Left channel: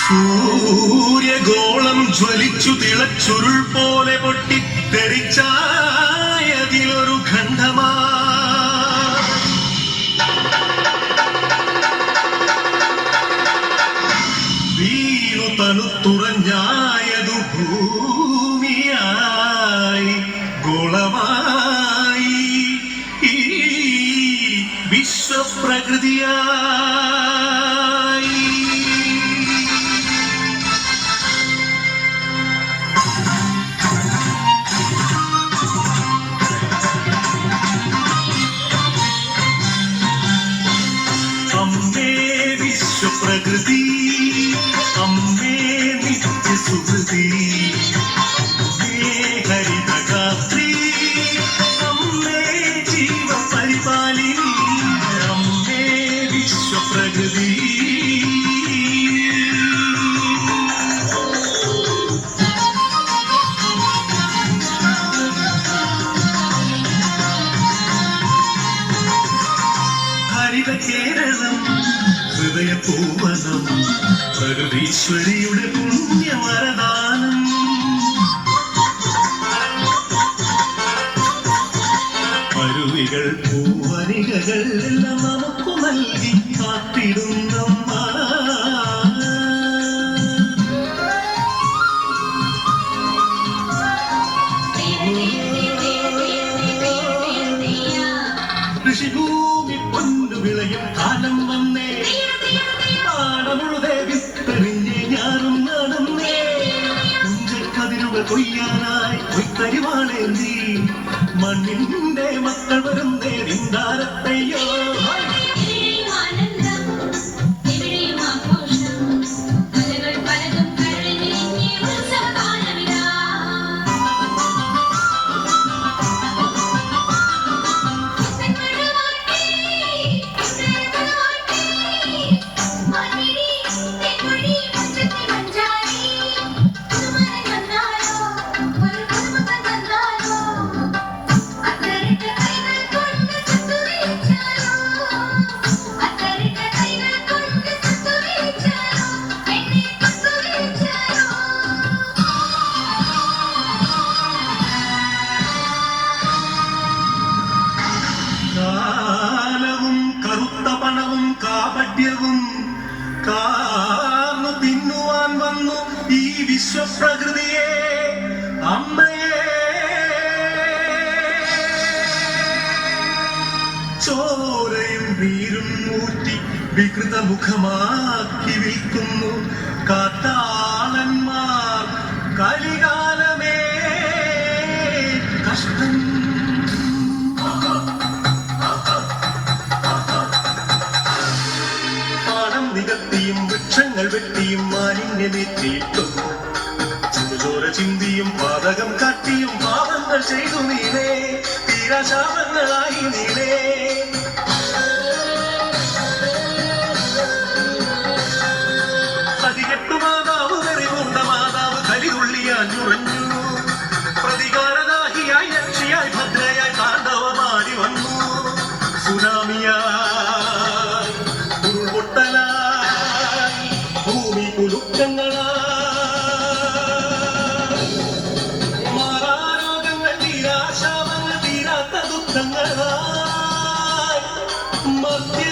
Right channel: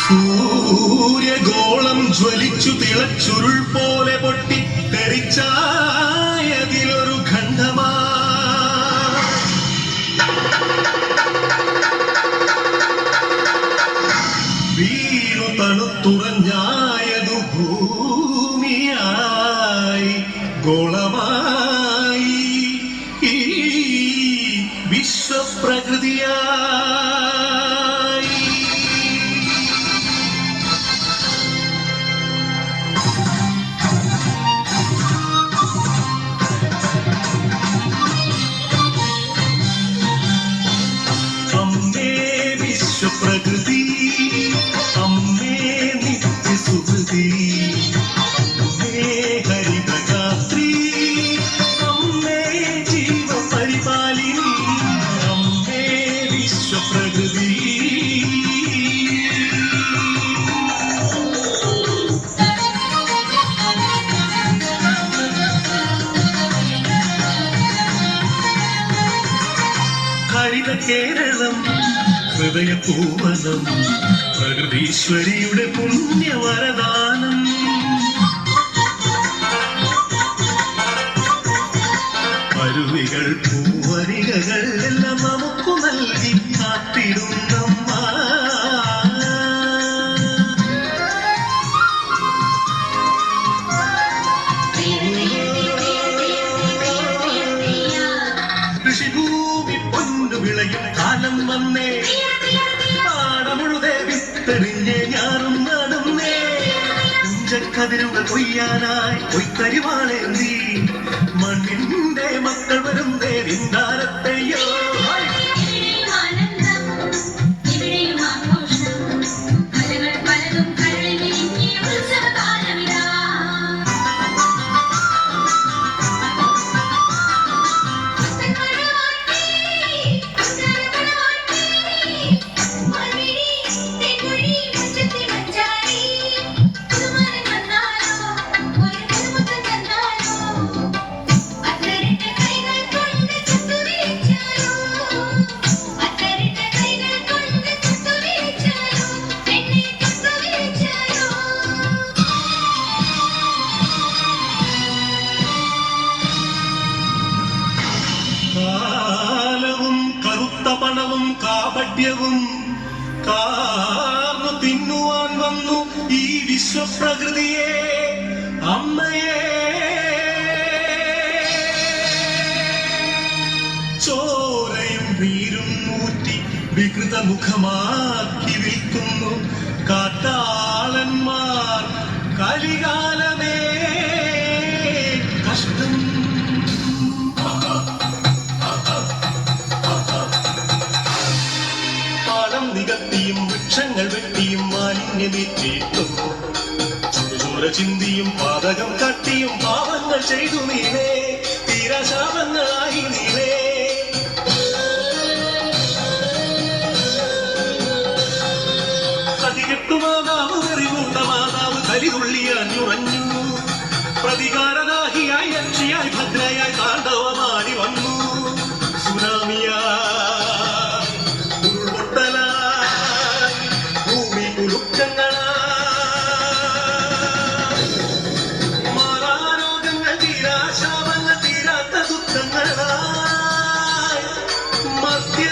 സൂര്യഗോളം ജ്വലിച്ചു തിളച്ചുരുൾ പോലെ പൊട്ടി തെറിച്ചായതിലൊരു ഖണ്ഡമാ വീണു തണുത്തുറഞ്ഞായതു ഭൂമിയായി ഗോളമായി വിശ്വപ്രകൃതിയായി. അമ്മേ വിശ്വപ്രകൃതി, അമ്മേ നിത്യസുഹൃതി, അമ്മേ ഹരിതഗാത്രി, അമ്മേ ജീവപരിപാലിനി, അമ്മേ വിശ്വപ്രകൃതി. ഹരിത കേരളം ഹൃദയപൂവനം പ്രകൃതീശ്വരിയുടെ പുണ്യവരദാനം. അരുവികൾ പൂവരികകൾ എല്ലാം നമുക്ക് നൽകി കാത്തിടുന്നമ്മ. കൃഷിഭൂമി പൊന്നു വിളയും കാലം വന്നേ, നാടമുഴുതേ വിത്തെറിഞ്ഞേ ഞാറും നടന്നേ, കുഞ്ചക്കതിരുകൾ കൊയ്യാനായി കൊയ്ത്തരിവാളേന്തി മണ്ണിന്റെ മക്കൾ വരുന്നേ നിന്ദാരത്തെയോ. കാലവും കറുത്ത പണവും കാപട്യവും കാർന്നു തിന്നുവാൻ വന്നു ഈ വിശ്വപ്രകൃതിയെ, അമ്മയെ. ചോരയും നീരും മൂറ്റി വികൃതമുഖമാക്കി വിൽക്കുന്നു കാട്ടാളന്മാർ. കലികാലമേ കഷ്ടം. നികത്തിയും വൃക്ഷങ്ങൾ വെട്ടിയും മാലിന്യമേറ്റിയിട്ടും ചുടുചോര ചിന്തിയും പാതകം കാട്ടിയും പാപങ്ങൾ ചെയ്തു നീനേ, തീരാശാപങ്ങളായി നീനേ. പ്രതികെട്ടു മാതാവ് വെറികൂണ്ട മാതാവ് കലിതുള്ളിയാഞ്ഞുറഞ്ഞു. പ്രതികാരദാഹിയായി രക്ഷയായി ഭദ്രയായി താണ്ഡവമാടി വന്നു. സുനാമിയായി ഉരുൾപൊട്ടലായി ഭൂമി കുലുക്കങ്ങളായി മാറാരോഗങ്ങൾ തീരാശാപങ്ങൾ തീരാത്ത ദുഃഖങ്ങളായി മധ്യ